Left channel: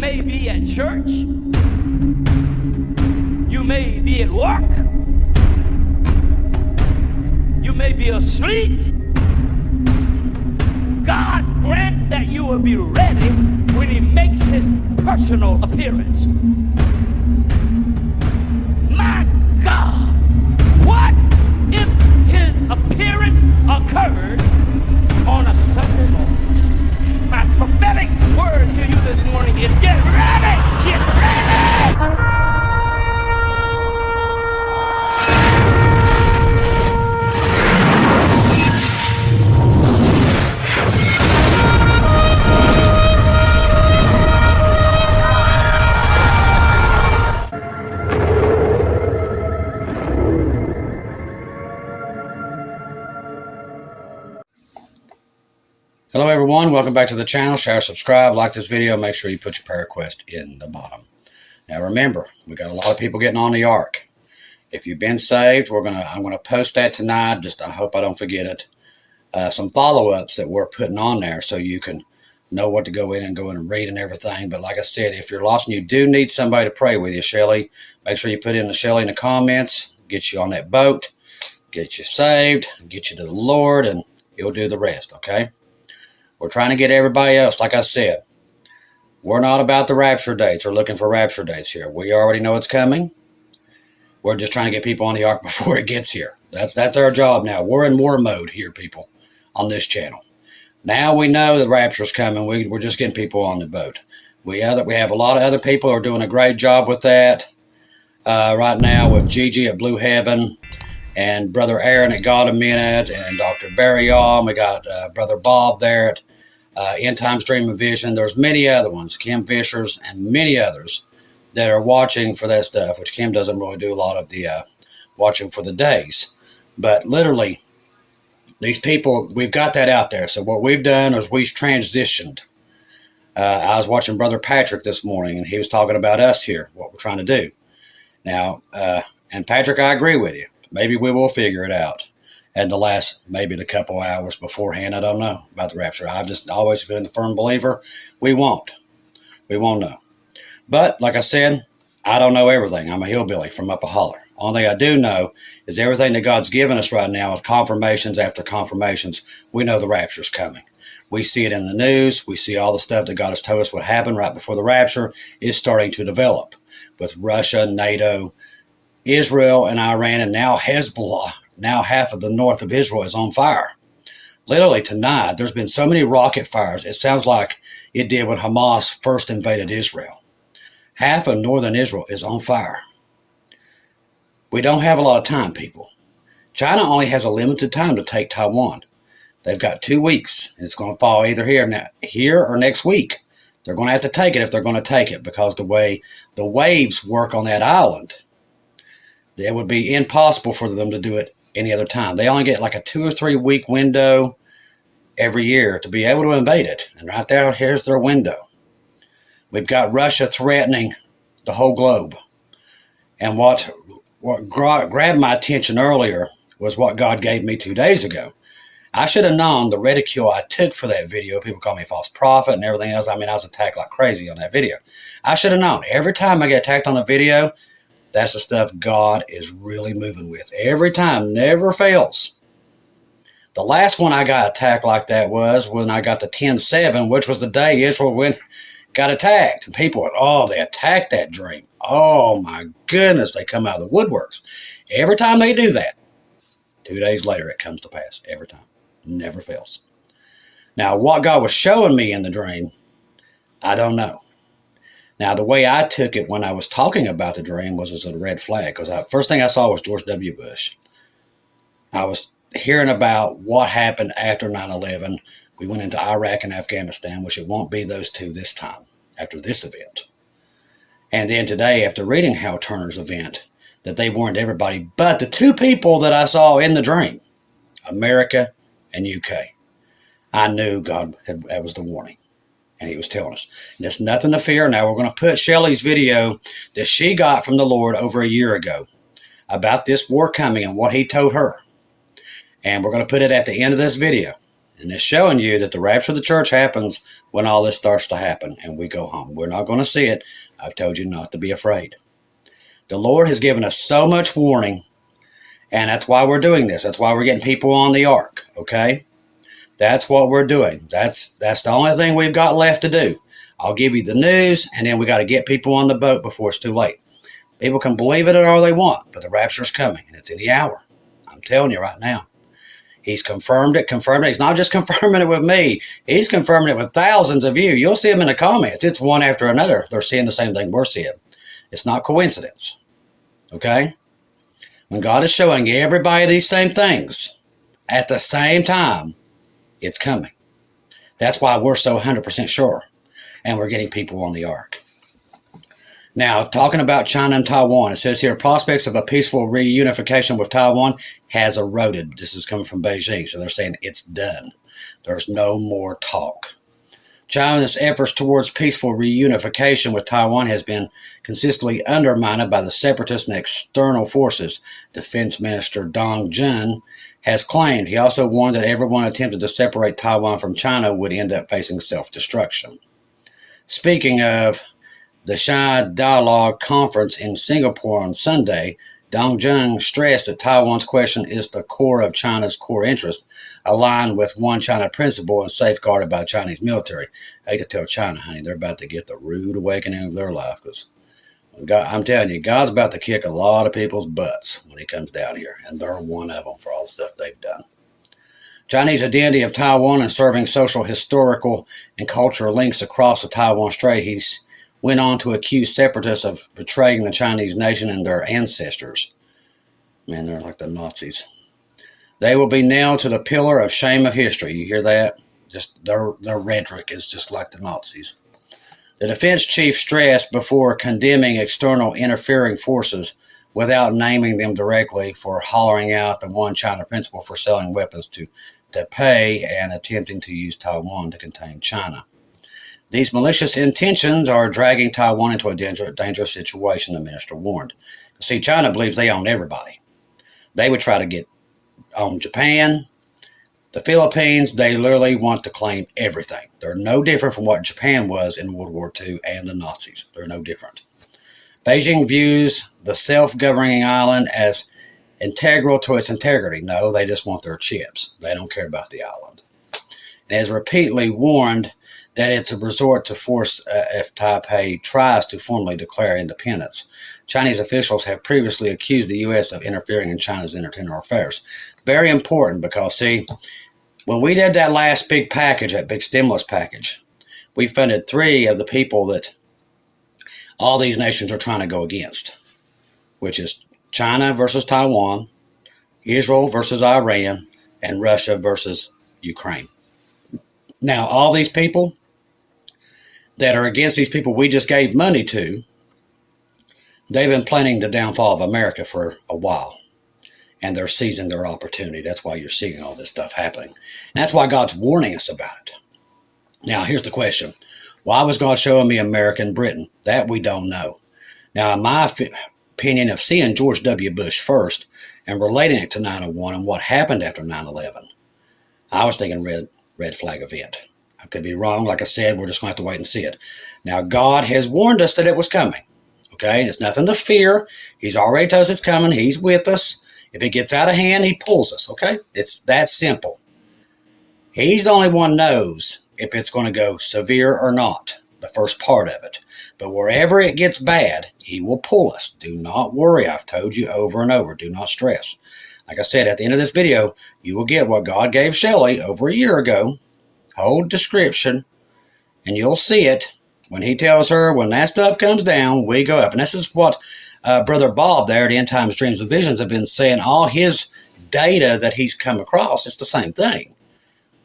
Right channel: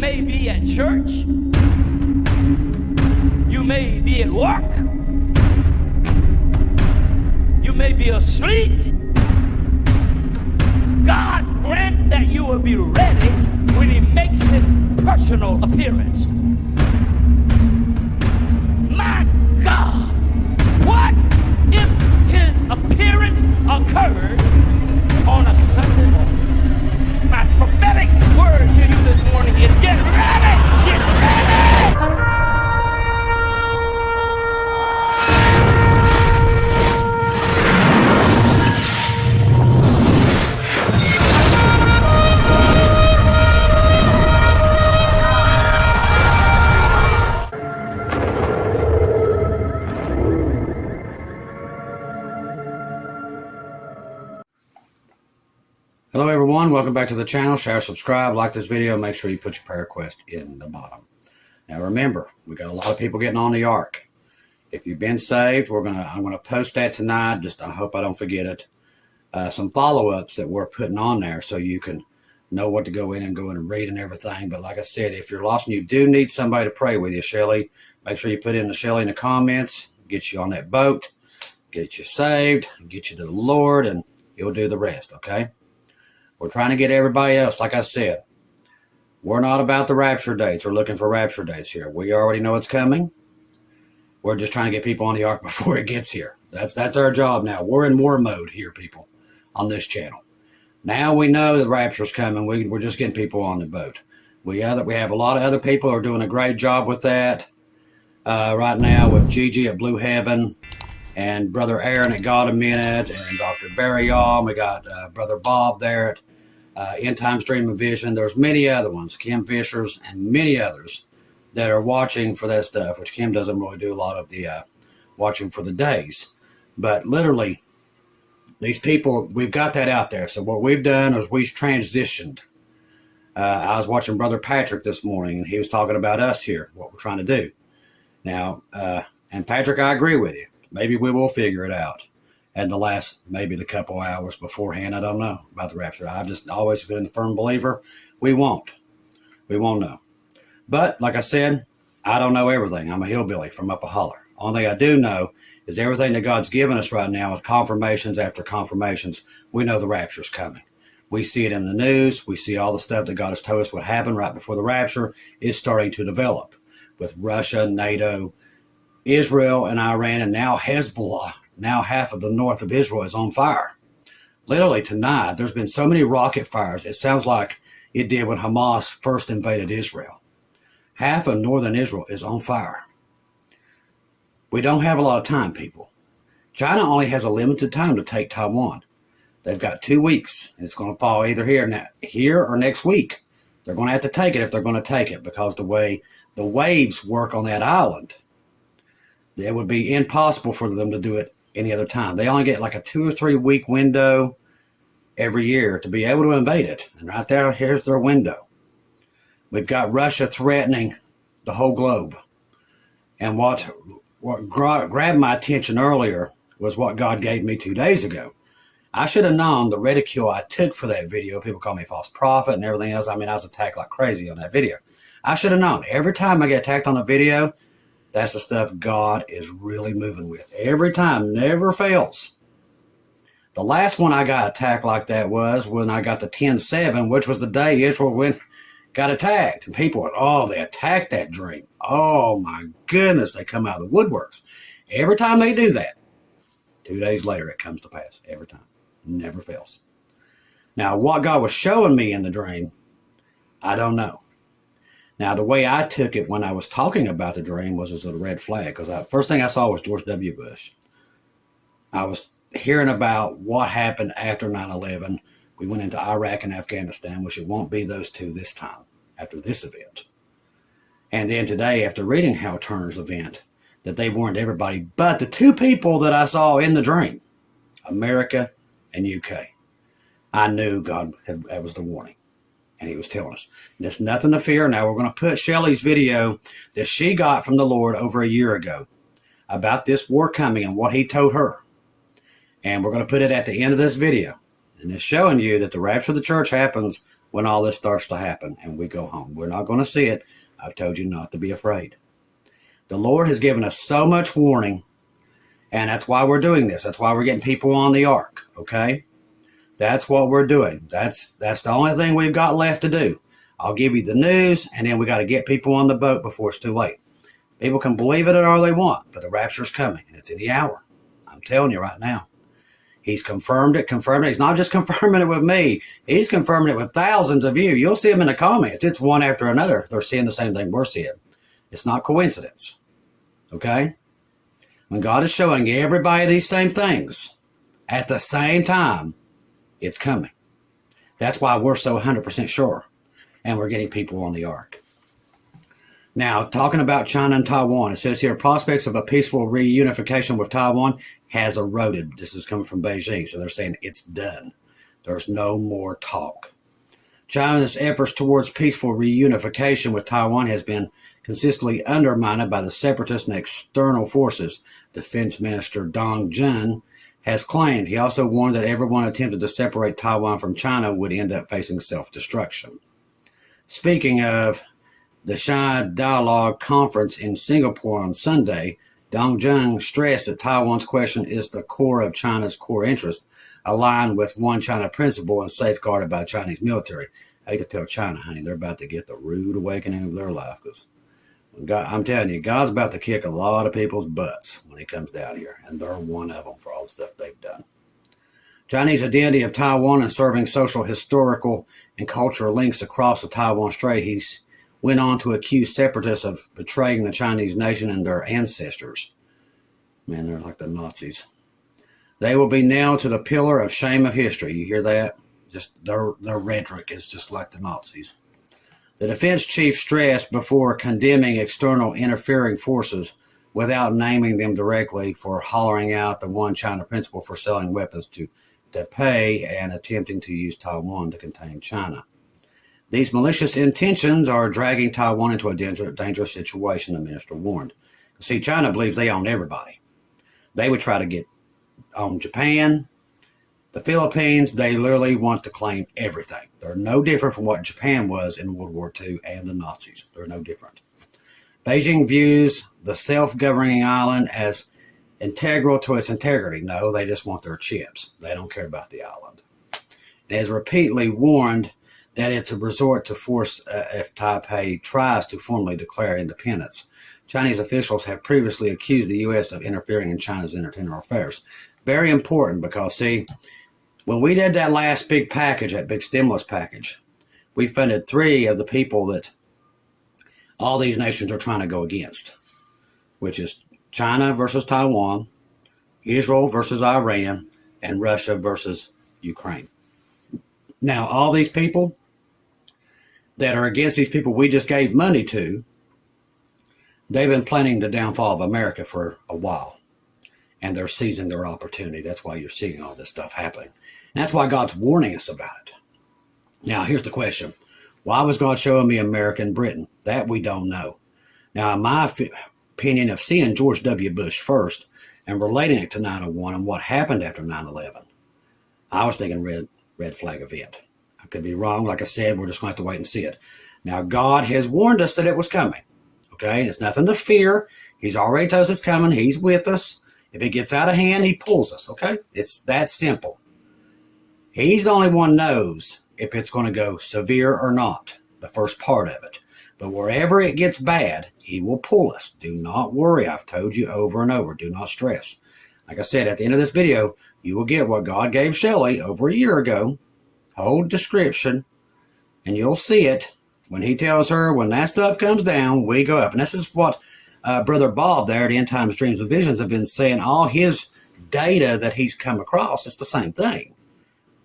may be at church. You may be at work. You may be asleep. God grant that you will be ready when he makes his personal appearance. My God, what if his appearance occurs on a Sunday morning? My prophetic word to you this morning is get ready! Get ready! Hello everyone, welcome back to the channel. Share, subscribe, like this video, make sure you put your prayer request in the bottom. Now remember, we got a lot of people getting on the ark. If you've been saved, I'm gonna post that tonight. I hope I don't forget it. Some follow-ups that we're putting on there so you can know what to go in and read and everything. But like I said, if you're lost and you do need somebody to pray with you, Shelly, make sure you put in the Shelly in the comments, get you on that boat, get you saved, get you to the Lord, and he'll do the rest, okay? We're trying to get everybody else, like I said, we're not about the rapture dates or looking for rapture dates here. We already know it's coming. We're just trying to get people on the ark before it gets here. That's our job now. We're in war mode here, people, on this channel. Now we know the rapture's coming. We're just getting people on the boat. We have a lot of other people who are doing a great job with that right now, with Gigi at Blue Heaven, and Brother Aaron at God a Minute, and Dr. Barry All. We got Brother Bob there at End Times Dream and Vision. There's many other ones, Kim Fisher's, and many others that are watching for that stuff, which Kim doesn't really do a lot of the watching for the days. But literally, these people, we've got that out there. So what we've done is we've transitioned. I was watching Brother Patrick this morning, and he was talking about us here, what we're trying to do. Now, and Patrick, I agree with you. Maybe we will figure it out. And maybe the couple hours beforehand, I don't know about the rapture. I've just always been a firm believer. We won't know. But like I said, I don't know everything. I'm a hillbilly from up a holler. Only thing I do know is everything that God's given us right now with confirmations after confirmations, we know the rapture's coming. We see it in the news. We see all the stuff that God has told us would happen right before the rapture is starting to develop with Russia, NATO, Israel, and Iran, and now Hezbollah. Now half of the north of Israel is on fire. Literally tonight, there's been so many rocket fires. It sounds like it did when Hamas first invaded Israel. Half of northern Israel is on fire. We don't have a lot of time, people. China only has a limited time to take Taiwan. They've got 2 weeks. It's going to fall either here or next week. They're going to have to take it if they're going to take it, because the way the waves work on that island, it would be impossible for them to do it any other time. They only get like a 2 or 3 week window every year to be able to invade it. And right there, here's their window. We've got Russia threatening the whole globe. And what grabbed my attention earlier was what God gave me 2 days ago. I should have known the ridicule I took for that video. People call me a false prophet and everything else. I mean, I was attacked like crazy on that video. I should have known. Every time I get attacked on a video, that's the stuff God is really moving with. Every time, never fails. The last one I got attacked like that was when I got the 10-7, which was the day Israel got attacked. And people went, oh, they attacked that dream. Oh, my goodness, they come out of the woodworks. Every time they do that, 2 days later, it comes to pass. Every time. Never fails. Now, what God was showing me in the dream, I don't know. Now, the way I took it when I was talking about the dream was as a red flag, because first thing I saw was George W. Bush. I was hearing about what happened after 9/11. We went into Iraq and Afghanistan, which it won't be those two this time, after this event. And then today, after reading Hal Turner's event, that they warned everybody but the two people that I saw in the dream, America and UK. I knew that was the warning. And he was telling us, there's nothing to fear. Now we're going to put Shelly's video that she got from the Lord over a year ago about this war coming and what he told her. And we're going to put it at the end of this video. And it's showing you that the rapture of the church happens when all this starts to happen and we go home. We're not going to see it. I've told you not to be afraid. The Lord has given us so much warning, and that's why we're doing this. That's why we're getting people on the ark, okay? That's what we're doing. That's the only thing we've got left to do. I'll give you the news, and then we got to get people on the boat before it's too late. People can believe it all they want, but the rapture's coming, and it's any hour. I'm telling you right now. He's confirmed it. He's not just confirming it with me. He's confirming it with thousands of you. You'll see them in the comments. It's one after another. They're seeing the same thing we're seeing. It's not coincidence. Okay? When God is showing everybody these same things at the same time, it's coming. That's why we're so 100% sure. And we're getting people on the ark. Now, talking about China and Taiwan, it says here, prospects of a peaceful reunification with Taiwan has eroded. This is coming from Beijing, so they're saying it's done. There's no more talk. China's efforts towards peaceful reunification with Taiwan has been consistently undermined by the separatists and external forces, Defense Minister Dong Jun has claimed. He also warned that everyone attempted to separate Taiwan from China would end up facing self-destruction. Speaking of the Shanghai Dialogue Conference in Singapore on Sunday, Dong Jun stressed that Taiwan's question is the core of China's core interest, aligned with one China principle and safeguarded by the Chinese military. I hate to tell China, honey, they're about to get the rude awakening of their life, because I'm telling you, God's about to kick a lot of people's butts when he comes down here, and they're one of them for all the stuff they've done. Chinese identity of Taiwan and serving social, historical, and cultural links across the Taiwan Strait, he's went on to accuse separatists of betraying the Chinese nation and their ancestors. Man, they're like the Nazis. They will be nailed to the pillar of shame of history. You hear that? Just their rhetoric is just like the Nazis. The defense chief stressed before condemning external interfering forces without naming them directly for hollering out the one China principle for selling weapons to Taipei and attempting to use Taiwan to contain China. These malicious intentions are dragging Taiwan into a dangerous situation, the minister warned. See, China believes they own everybody. They would try to own Japan, the Philippines. They literally want to claim everything. They're no different from what Japan was in World War II and the Nazis. They're no different. Beijing views the self-governing island as integral to its integrity. No, they just want their chips. They don't care about the island. And has repeatedly warned that it's a resort to force if Taipei tries to formally declare independence. Chinese officials have previously accused the U.S. of interfering in China's internal affairs. Very important because, see, when we did that last big package, that big stimulus package, we funded 3 of the people that all these nations are trying to go against, which is China versus Taiwan, Israel versus Iran, and Russia versus Ukraine. Now, all these people that are against these people we just gave money to, they've been planning the downfall of America for a while. And they're seizing their opportunity. That's why you're seeing all this stuff happening. And that's why God's warning us about it. Now, here's the question. Why was God showing me America and Britain? That we don't know. Now, in my opinion of seeing George W. Bush first and relating it to 9/11 and what happened after 9/11, I was thinking red flag event. I could be wrong. Like I said, we're just going to have to wait and see it. Now, God has warned us that it was coming. Okay? It's nothing to fear. He's already told us it's coming. He's with us. If it gets out of hand, he pulls us. Okay? It's that simple. He's the only one knows if it's going to go severe or not, the first part of it. But wherever it gets bad, he will pull us. Do not worry. I've told you over and over. Do not stress. Like I said, at the end of this video, you will get what God gave Shelly over a year ago. Whole description, and you'll see it when he tells her when that stuff comes down, we go up. And this is what Brother Bob there at End Times Dreams and Visions have been saying. All his data that he's come across, it's the same thing.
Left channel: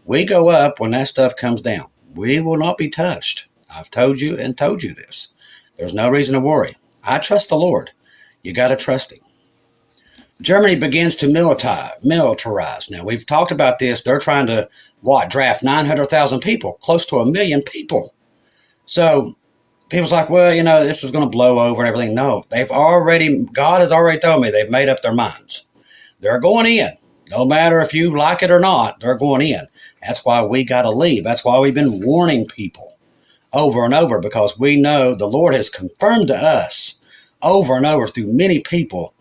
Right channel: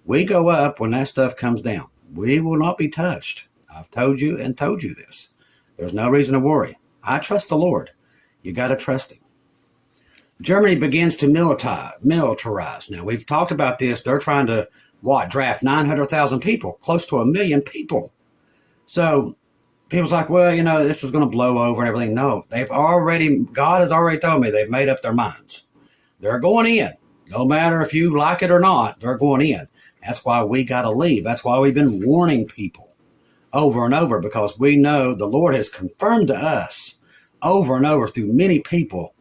We go up when that stuff comes down. We will not be touched. I've told you and told you this. There's no reason to worry. I trust the Lord. You got to trust him. Germany begins to militarize. Now, we've talked about this. They're trying to, draft 900,000 people, close to 1 million people. So people's like, well, this is going to blow over and everything. No, God has already told me they've made up their minds. They're going in. No matter if you like it or not, they're going in. That's why we got to leave. That's why we've been warning people over and over, because we know the Lord has confirmed to us over and over through many people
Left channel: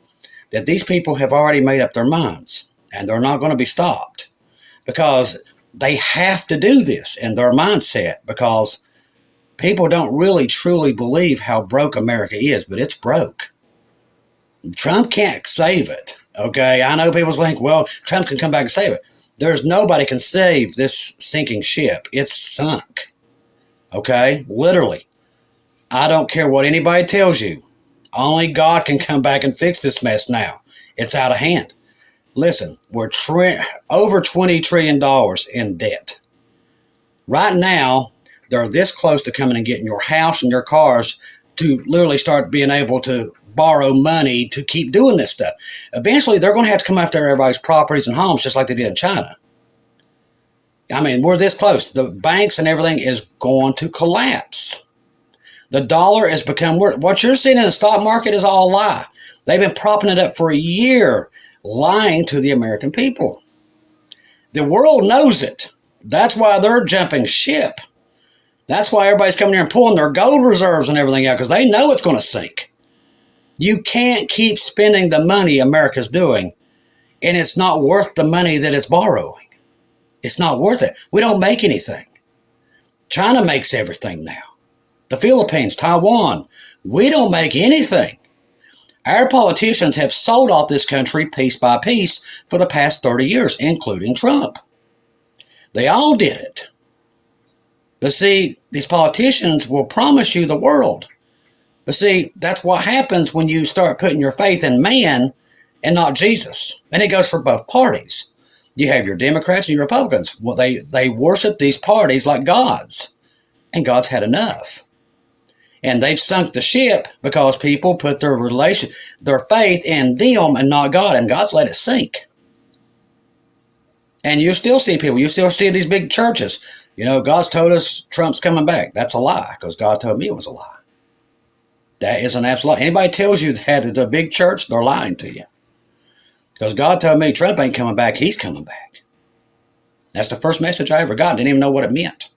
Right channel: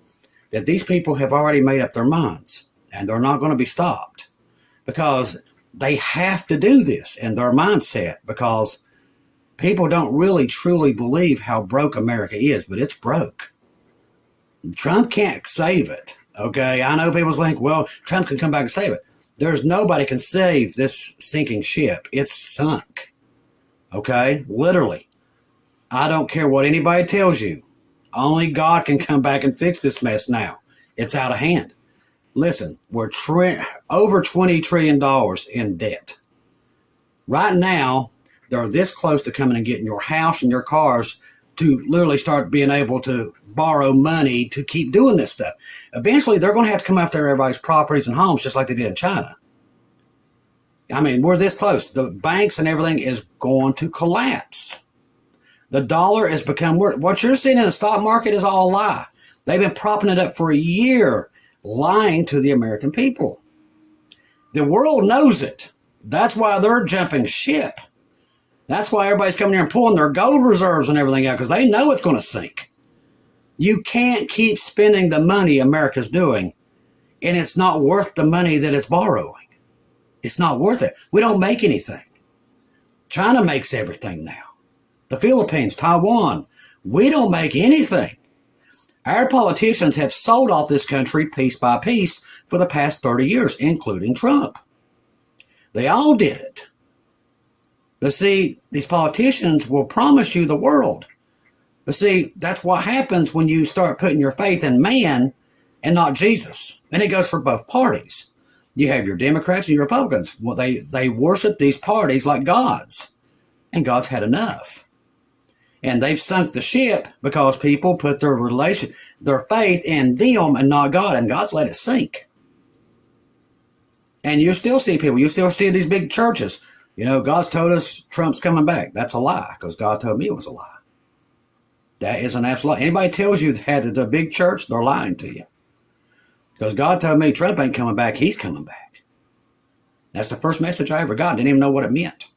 that these people have already made up their minds and they're not going to be stopped, because they have to do this in their mindset, because people don't really truly believe how broke America is, but it's broke. Trump can't save it. Okay, I know people think, well, Trump can come back and save it. There's nobody can save this sinking ship. It's sunk. Okay, literally. I don't care what anybody tells you. Only God can come back and fix this mess now. It's out of hand. Listen, we're over $20 trillion in debt. Right now, they're this close to coming and getting your house and your cars to literally start being able to borrow money to keep doing this stuff. Eventually, they're going to have to come after everybody's properties and homes just like they did in China. I mean, we're this close. The banks and everything is going to collapse. The dollar has become, what you're seeing in the stock market is all a lie. They've been propping it up for a year, lying to the American people. The world knows it. That's why they're jumping ship. That's why everybody's coming here and pulling their gold reserves and everything out, because they know it's going to sink. You can't keep spending the money America's doing, and it's not worth the money that it's borrowing. It's not worth it. We don't make anything. China makes everything now. The Philippines, Taiwan, we don't make anything. Our politicians have sold off this country piece by piece for the past 30 years, including Trump. They all did it. But see, these politicians will promise you the world. But see, that's what happens when you start putting your faith in man and not Jesus. And it goes for both parties. You have your Democrats and your Republicans. Well, they worship these parties like gods. And God's had enough. And they've sunk the ship because people put their faith in them and not God. And God's let it sink. And you still see people. You still see these big churches. You know, God's told us Trump's coming back. That's a lie, because God told me it was a lie. That is an absolute lie. Anybody tells you that it's a big church, they're lying to you. Because God told me Trump ain't coming back. He's coming back. That's the first message I ever got. Didn't even know what it meant.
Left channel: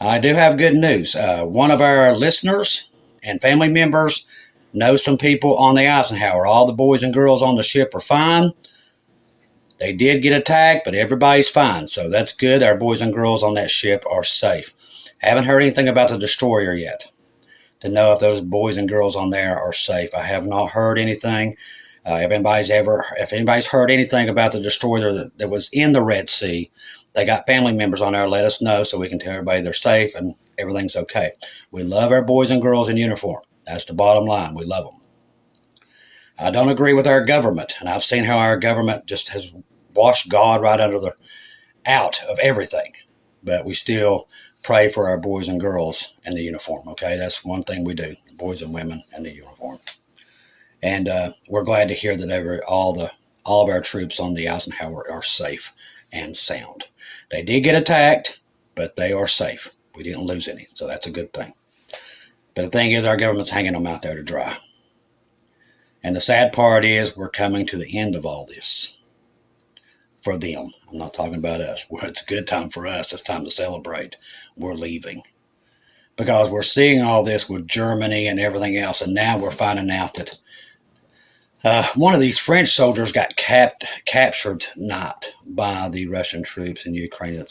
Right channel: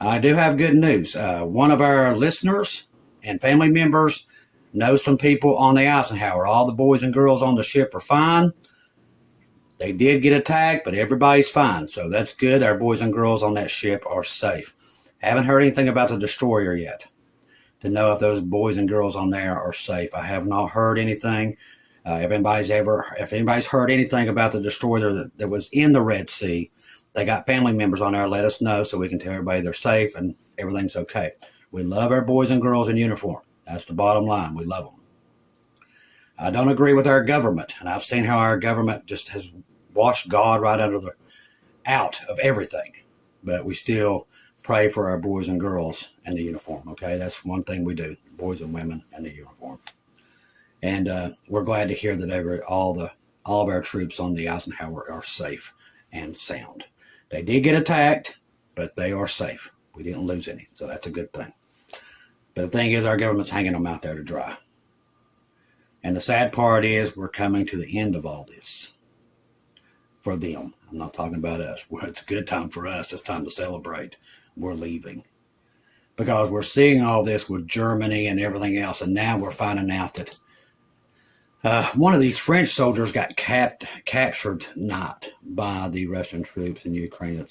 I do have good news. One of our listeners and family members knows some people on the Eisenhower. All the boys and girls on the ship are fine. They did get attacked, but everybody's fine. So that's good. Our boys and girls on that ship are safe. Haven't heard anything about the destroyer yet to know if those boys and girls on there are safe. I have not heard anything. If anybody's heard anything about the destroyer that was in the Red Sea, they got family members on there, let us know so we can tell everybody they're safe and everything's okay. We love our boys and girls in uniform. That's the bottom line. We love them. I don't agree with our government, and I've seen how our government just has washed God right out of everything. But we still pray for our boys and girls in the uniform, okay? That's one thing we do, boys and women in the uniform. And we're glad to hear that all of our troops on the Eisenhower are safe and sound. They did get attacked, but they are safe. We didn't lose any, so that's a good thing. But the thing is, our government's hanging them out there to dry. And the sad part is we're coming to the end of all this for them. I'm not talking about us. It's a good time for us. It's time to celebrate. We're leaving. Because we're seeing all this with Germany and everything else, and now we're finding out that one of these French soldiers got captured not by the Russian troops in Ukraine.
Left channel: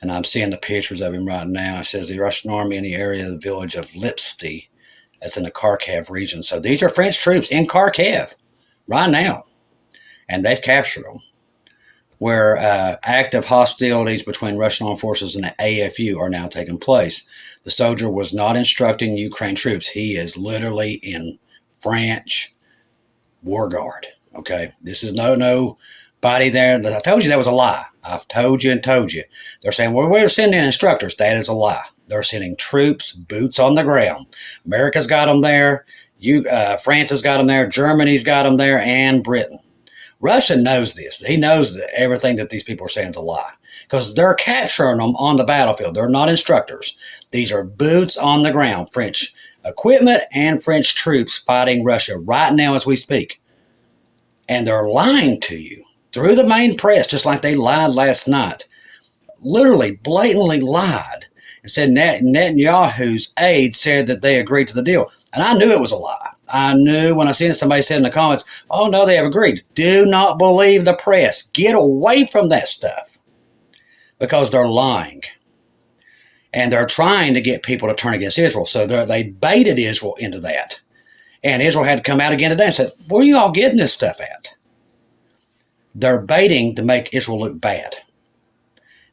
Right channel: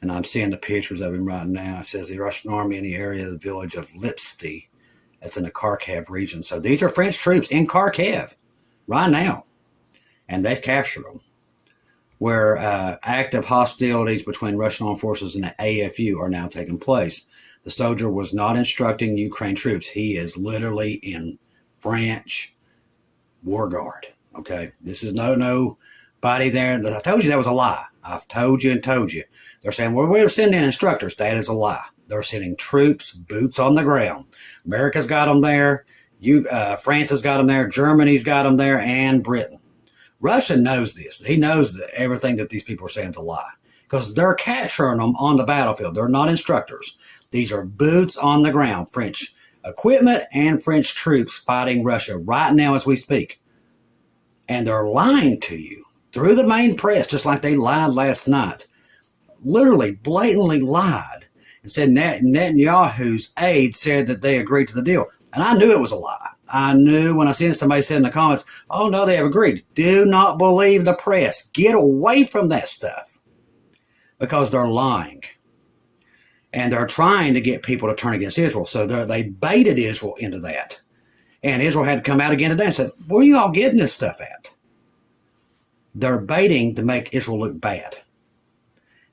And I'm seeing the pictures of him right now. It says the Russian army in the area of the village of Lipsty. That's in the Kharkiv region. So these are French troops in Kharkiv right now. And they've captured them. Where active hostilities between Russian armed forces and the AFU are now taking place. The soldier was not instructing Ukraine troops. He is literally in French war guard. Okay, this is nobody there. I told you that was a lie. I've told you and told you. They're saying, well, we're sending instructors. That is a lie. They're sending troops, boots on the ground. America's got them there. France has got them there. Germany's got them there, and Britain. Russia knows this. He knows that everything that these people are saying is a lie, because they're capturing them on the battlefield. They're not instructors. These are boots on the ground, French equipment and French troops fighting Russia right now as we speak. And they're lying to you through the main press, just like they lied last night, literally blatantly lied and said Netanyahu's aide said that they agreed to the deal. And I knew it was a lie. I knew when I seen it, somebody said in the comments, oh no, they have agreed. Do not believe the press. Get away from that stuff, because they're lying. And they're trying to get people to turn against Israel. So they baited Israel into that. And Israel had to come out again today and said, where are you all getting this stuff at? They're baiting to make Israel look bad.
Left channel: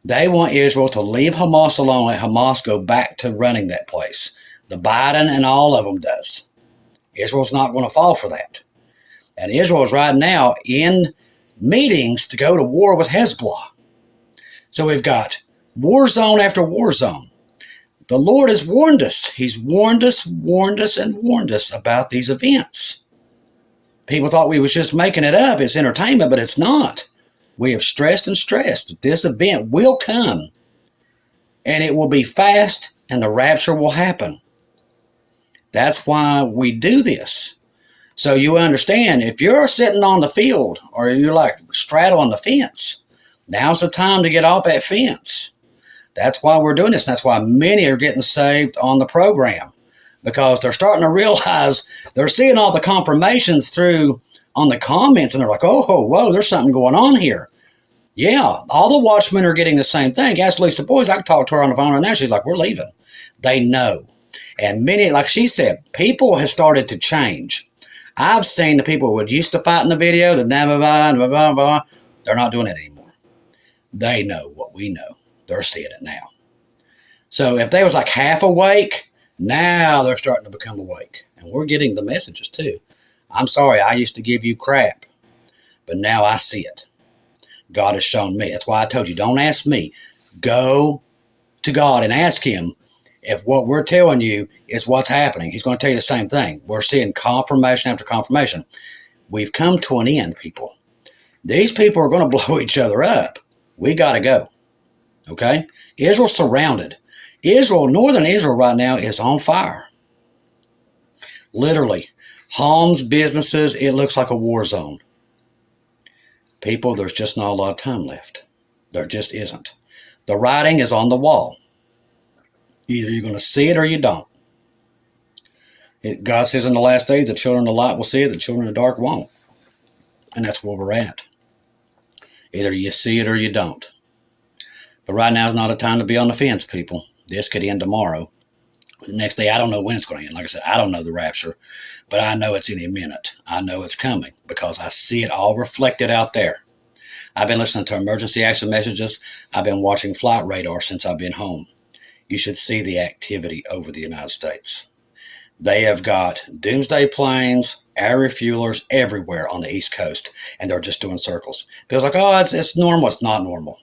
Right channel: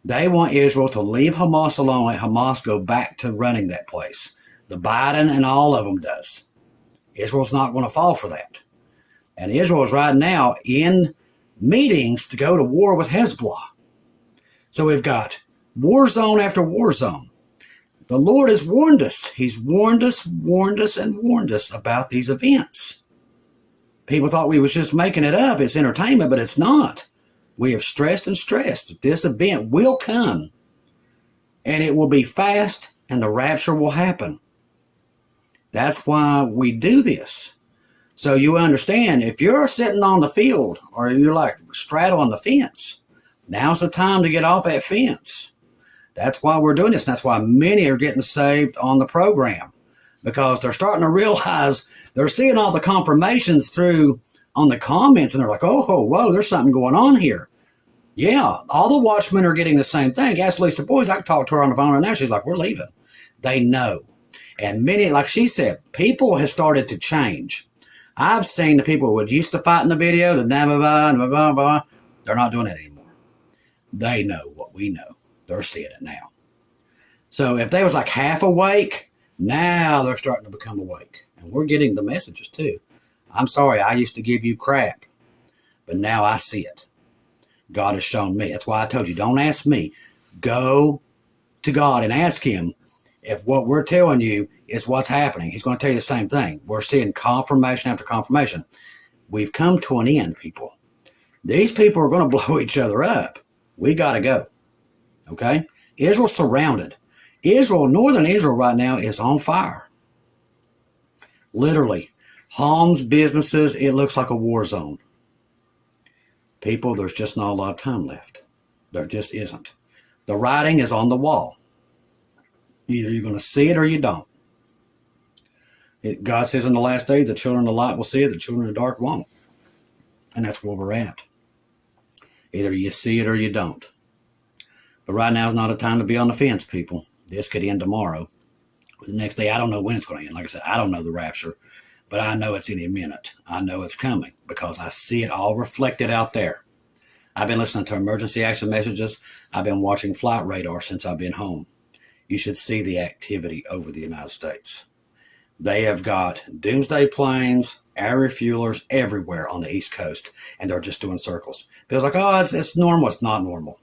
They want Israel to leave Hamas alone, let Hamas go back to running that place. The Biden and all of them does. Israel's not going to fall for that. And Israel is right now in meetings to go to war with Hezbollah. So we've got war zone after war zone. The Lord has warned us. He's warned us about these events. People thought we was just making it up. It's entertainment, but it's not. We have stressed and stressed that this event will come, and it will be fast, and the rapture will happen. That's why we do this. So you understand, if you're sitting on the field or you're like straddling the fence, now's the time to get off that fence. That's why we're doing this. And that's why many are getting saved on the program, because they're starting to realize they're seeing all the confirmations through on the comments, and they're like, oh, whoa, there's something going on here. Yeah, all the watchmen are getting the same thing. Ask Lisa Boys. I can talk to her on the phone right now. She's like, we're leaving. They know. And many, like she said, people have started to change. I've seen the people who used to fight in the video, they're not doing it anymore. They know what we know. They're seeing it now. So if they was like half awake, now they're starting to become awake. And we're getting the messages too. I'm sorry, I used to give you crap, but now I see it. God has shown me. That's why I told you, don't ask me. Go to God and ask him if what we're telling you is what's happening. He's going to tell you the same thing. We're seeing confirmation after confirmation. We've come to an end, people. These people are going to blow each other up. We got to go. Okay? Israel's surrounded. Northern Israel right now is on fire. Literally. Homes, businesses, it looks like a war zone. People, there's just not a lot of time left. There just isn't. The writing is on the wall. Either you're going to see it or you don't. God says in the last days, the children of the light will see it, the children of the dark won't. And that's where we're at. Either you see it or you don't. But right now is not a time to be on the fence, people. This could end tomorrow. The next day, I don't know when it's going to end. Like I said, I don't know the rapture, but I know it's any minute. I know it's coming because I see it all reflected out there. I've been listening to emergency action messages. I've been watching flight radar since I've been home. You should see the activity over the United States. They have got doomsday planes, air refuelers everywhere on the East Coast, and they're just doing circles. People's like, oh, it's normal. It's not normal.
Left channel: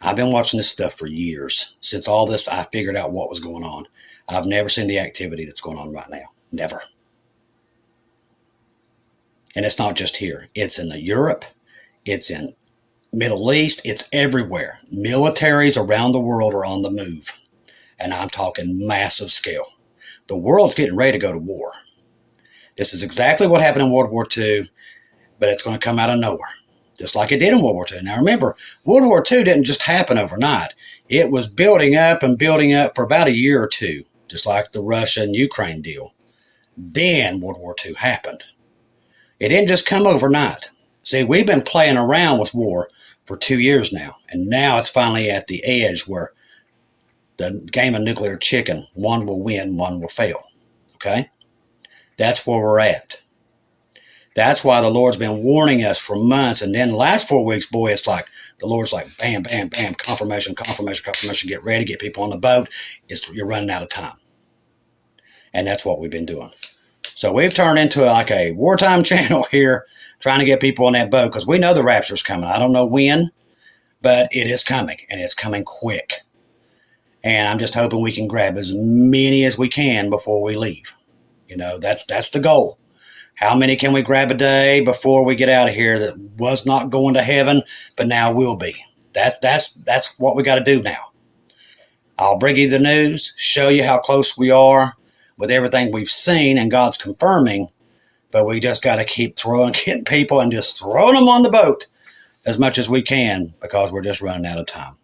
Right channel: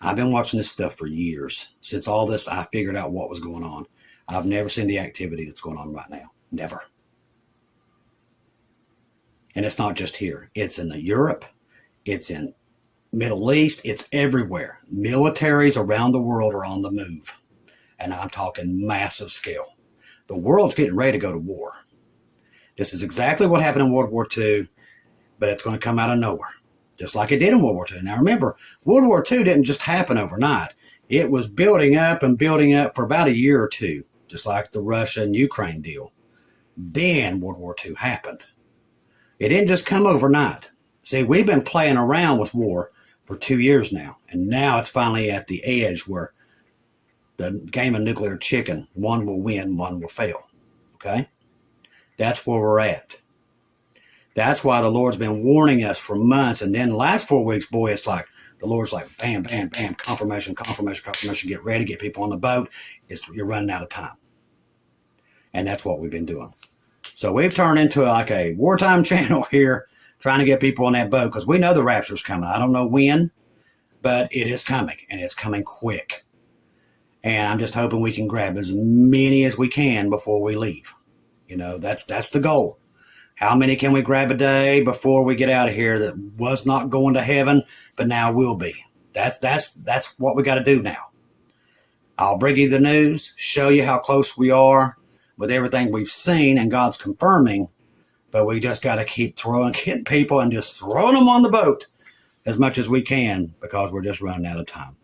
I've been watching this stuff for years. Since all this, I figured out what was going on. I've never seen the activity that's going on right now. Never. And it's not just here. It's in Europe. It's in Middle East. It's everywhere. Militaries around the world are on the move. And I'm talking massive scale. The world's getting ready to go to war. This is exactly what happened in World War II, but it's going to come out of nowhere, just like it did in World War II. Now remember, World War II didn't just happen overnight. It was building up and building up for about a year or two, just like the Russia and Ukraine deal. Then World War II happened. It didn't just come overnight. See, we've been playing around with war for 2 years now, and now it's finally at the edge where the game of nuclear chicken, one will win, one will fail. Okay? That's where we're at. That's why the Lord's been warning us for months. And then the last 4 weeks, boy, it's like the Lord's like, bam, bam, bam, confirmation, confirmation, confirmation. Get ready, get people on the boat. You're running out of time. And that's what we've been doing. So we've turned into like a wartime channel here, trying to get people on that boat because we know the rapture's coming. I don't know when, but it is coming, and it's coming quick. And I'm just hoping we can grab as many as we can before we leave. You know, that's the goal. How many can we grab a day before we get out of here that was not going to heaven, but now will be? That's what we got to do now. I'll bring you the news, show you how close we are with everything we've seen, and God's confirming, but we just got to keep getting people and just throwing them on the boat as much as we can because we're just running out of time.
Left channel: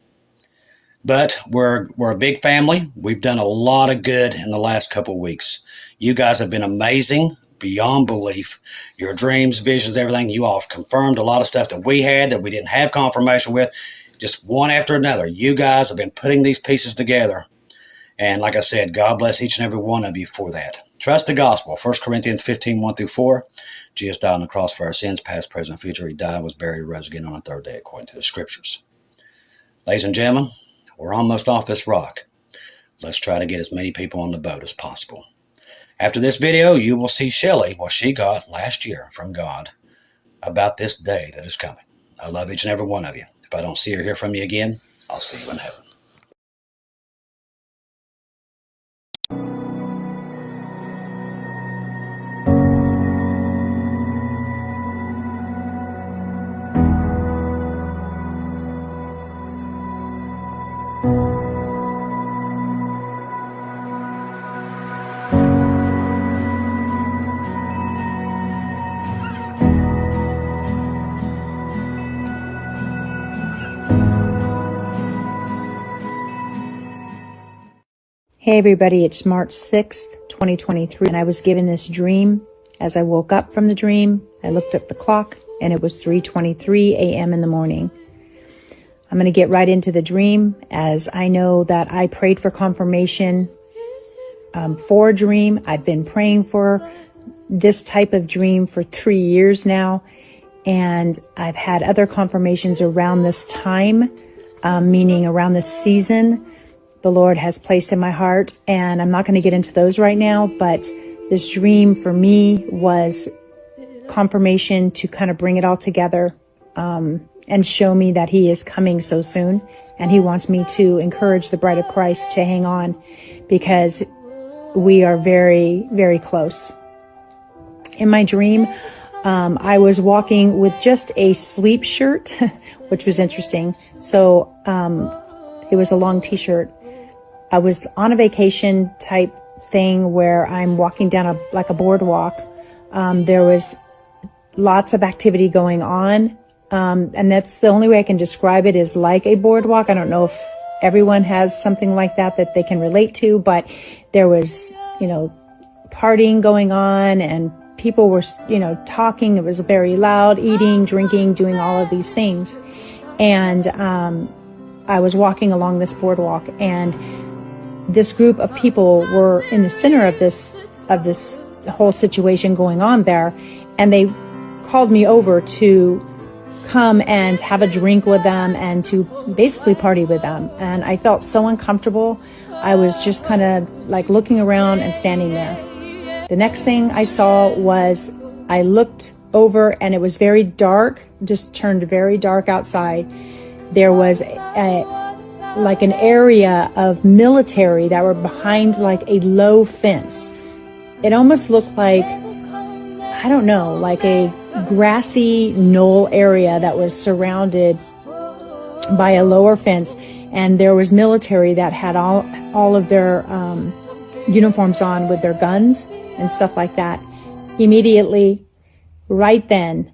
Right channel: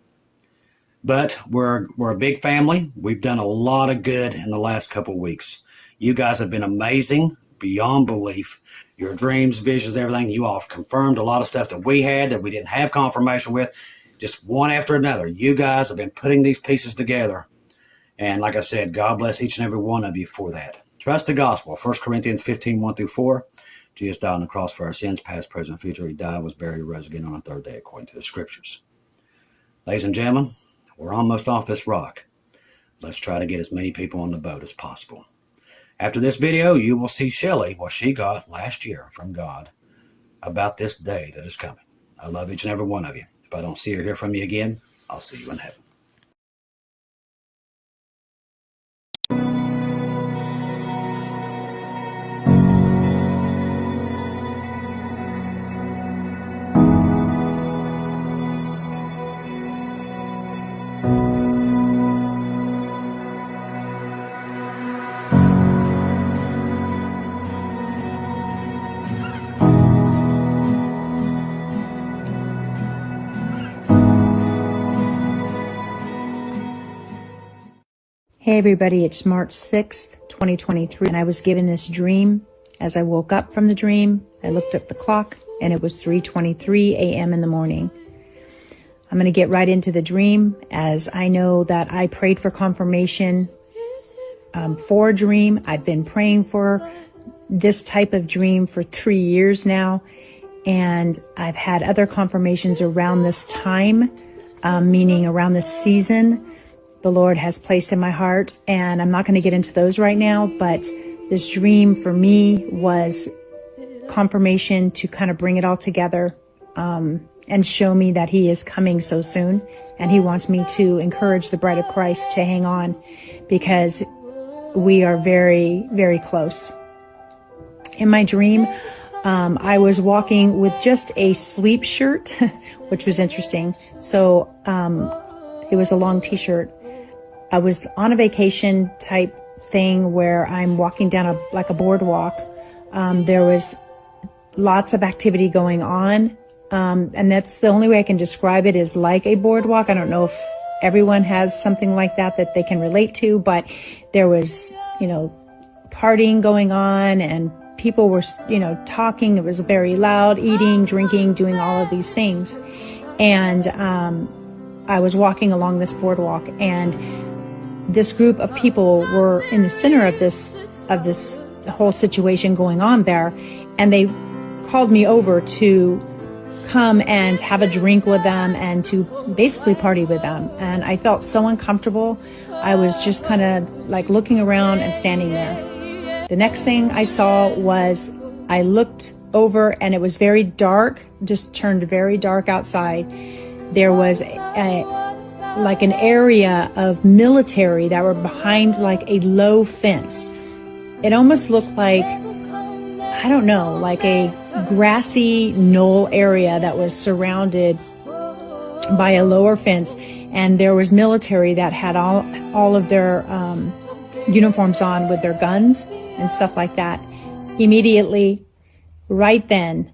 But we're a big family. We've done a lot of good in the last couple of weeks. You guys have been amazing beyond belief. Your dreams, visions, everything. You all have confirmed a lot of stuff that we had that we didn't have confirmation with. Just one after another. You guys have been putting these pieces together. And like I said, God bless each and every one of you for that. Trust the gospel. 1 Corinthians 15, 1-4. Jesus died on the cross for our sins, past, present, future. He died, was buried, rose again on the third day according to the scriptures. Ladies and gentlemen, we're almost off this rock. Let's try to get as many people on the boat as possible. After this video, you will see Shelly, what she got last year from God about this day that is coming. I love each and every one of you. If I don't see or hear from you again, I'll see you in heaven. Hey everybody, it's March 6th, 2023, and I was given this dream. As I woke up from the dream, I looked at the clock, and it was 3:23 a.m. in the morning. I'm going to get right into the dream, as I know that I prayed for confirmation for a dream. I've been praying for this type of dream for 3 years now, and I've had other confirmations around this time, meaning around this season. The Lord has placed in my heart, and I'm not going to get into those right now, but this dream for me was confirmation to kind of bring it all together and show me that He is coming so soon, and He wants me to encourage the bride of Christ to hang on, because we are very, very close. In my dream, I was walking with just a sleep shirt, which was interesting. So it was a long t-shirt. I was on a vacation type thing where I'm walking down a boardwalk. There was lots of activity going on. And that's the only way I can describe it, is like a boardwalk. I don't know if everyone has something like that they can relate to, but there was, partying going on, and people were, talking. It was very loud, eating, drinking, doing all of these things. And, I was walking along this boardwalk, and this group of people were in the center of this whole situation going on there, and they called me over to come and have a drink with them and to basically party with them. And I felt so uncomfortable. I was just kind of like looking around and standing there. The next thing I saw was, I looked over and it was very dark, just turned very dark outside. There was like an area of military that were behind like a low fence. It almost looked like, I don't know, like a grassy knoll area that was surrounded by a lower fence. And there was military that had all of their uniforms on with their guns and stuff like that. Immediately, right then,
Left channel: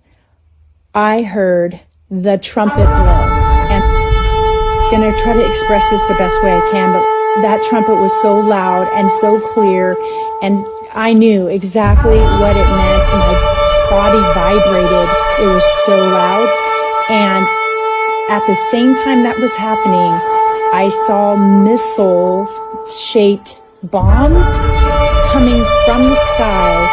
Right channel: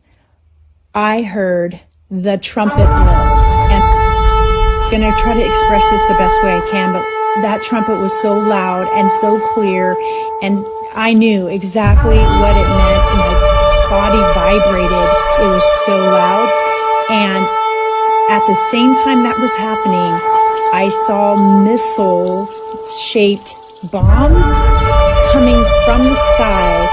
I heard the trumpet blow. And I'm going to try to express this the best way I can, but that trumpet was so loud and so clear, and I knew exactly what it meant. My body vibrated. It was so loud. And at the same time that was happening, I saw missile-shaped bombs coming from the sky,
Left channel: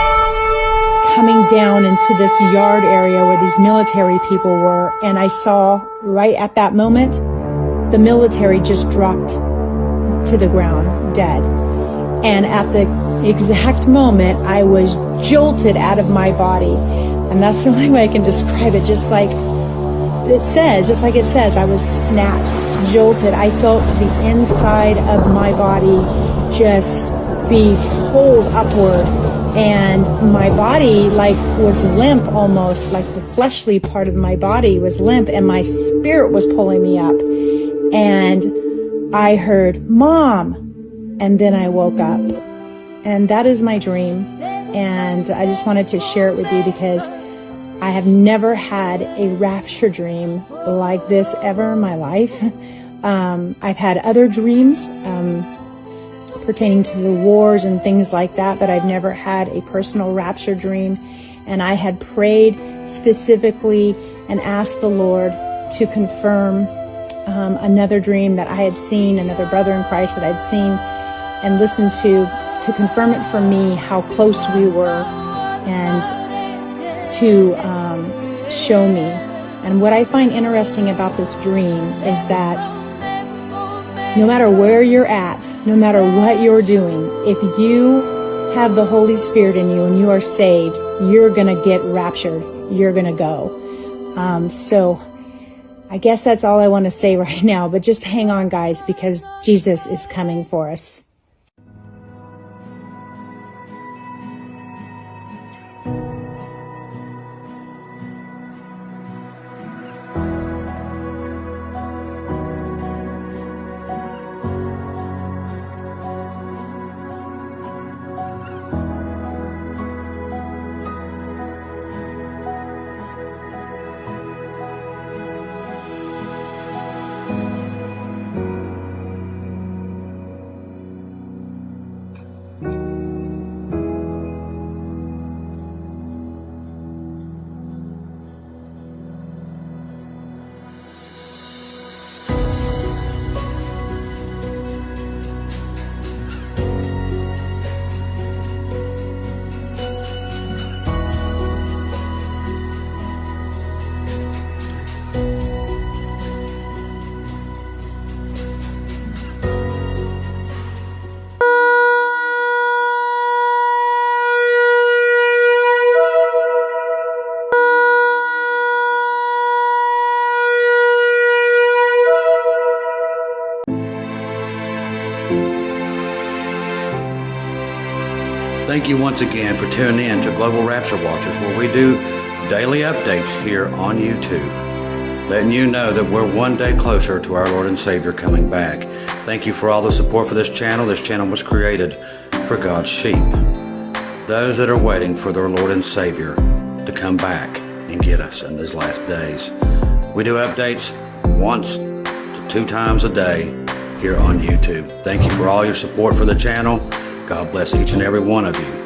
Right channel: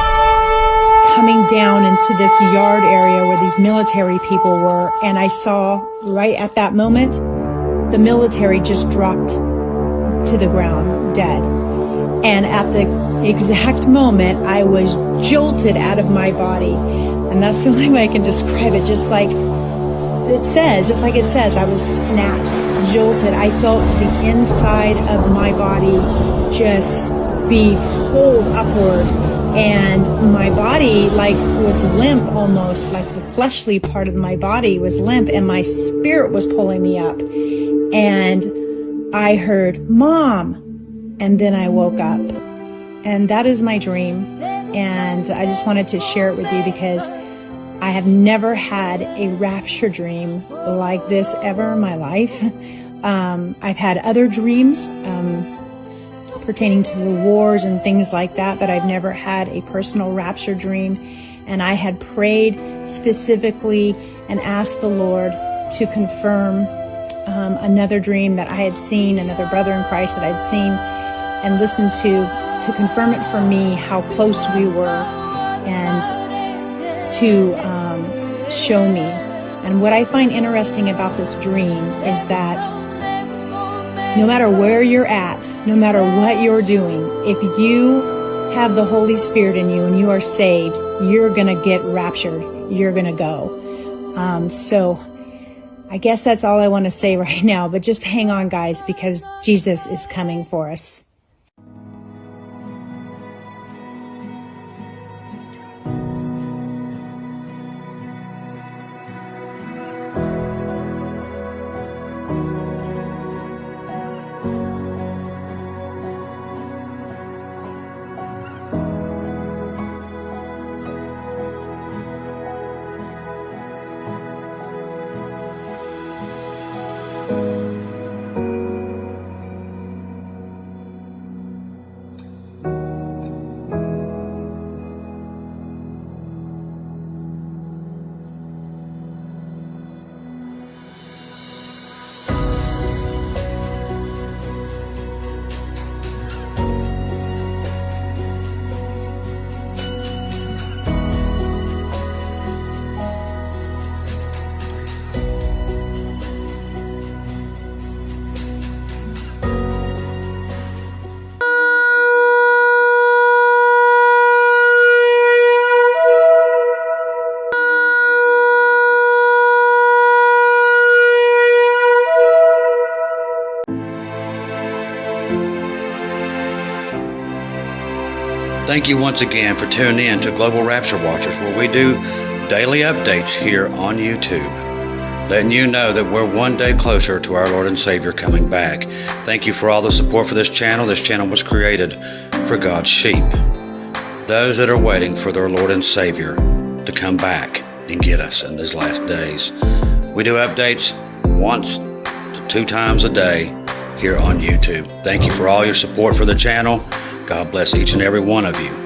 coming down into this yard area where these military people were. And I saw right at that moment, the military just dropped to the ground, dead. And at the exact moment, I was jolted out of my body. And that's the only way I can describe it. Just like it says, I was snatched, jolted. I felt the inside of my body just be pulled upward. And my body was limp almost, like the fleshly part of my body was limp, and my spirit was pulling me up. And I heard, "Mom," and then I woke up. And that is my dream. And I just wanted to share it with you because I have never had a rapture dream like this ever in my life. I've had other dreams pertaining to the wars and things like that, but I've never had a personal rapture dream. And I had prayed specifically and asked the Lord to confirm another dream that I had seen, another brother in Christ that I'd seen and listened to confirm it for me how close we were, and to show me. And what I find interesting about this dream is that no matter where you're at, no matter what you're doing, if you have the Holy Spirit in you and you are saved, you're going to get raptured. You're going to go. So I guess that's all I want to say right now, but just hang on, guys, because Jesus is coming for us. Thank you once again for tuning in to Global Rapture Watchers, where we do daily updates here on YouTube, letting you know that we're one day closer to our Lord and Savior coming back. Thank you for all the support for this channel. This channel was created for God's sheep, those that are waiting for their Lord and Savior to come back and get us in these last days. We do updates once to 2 times a day here on YouTube. Thank you for all your support for the channel. God bless each and every one of you.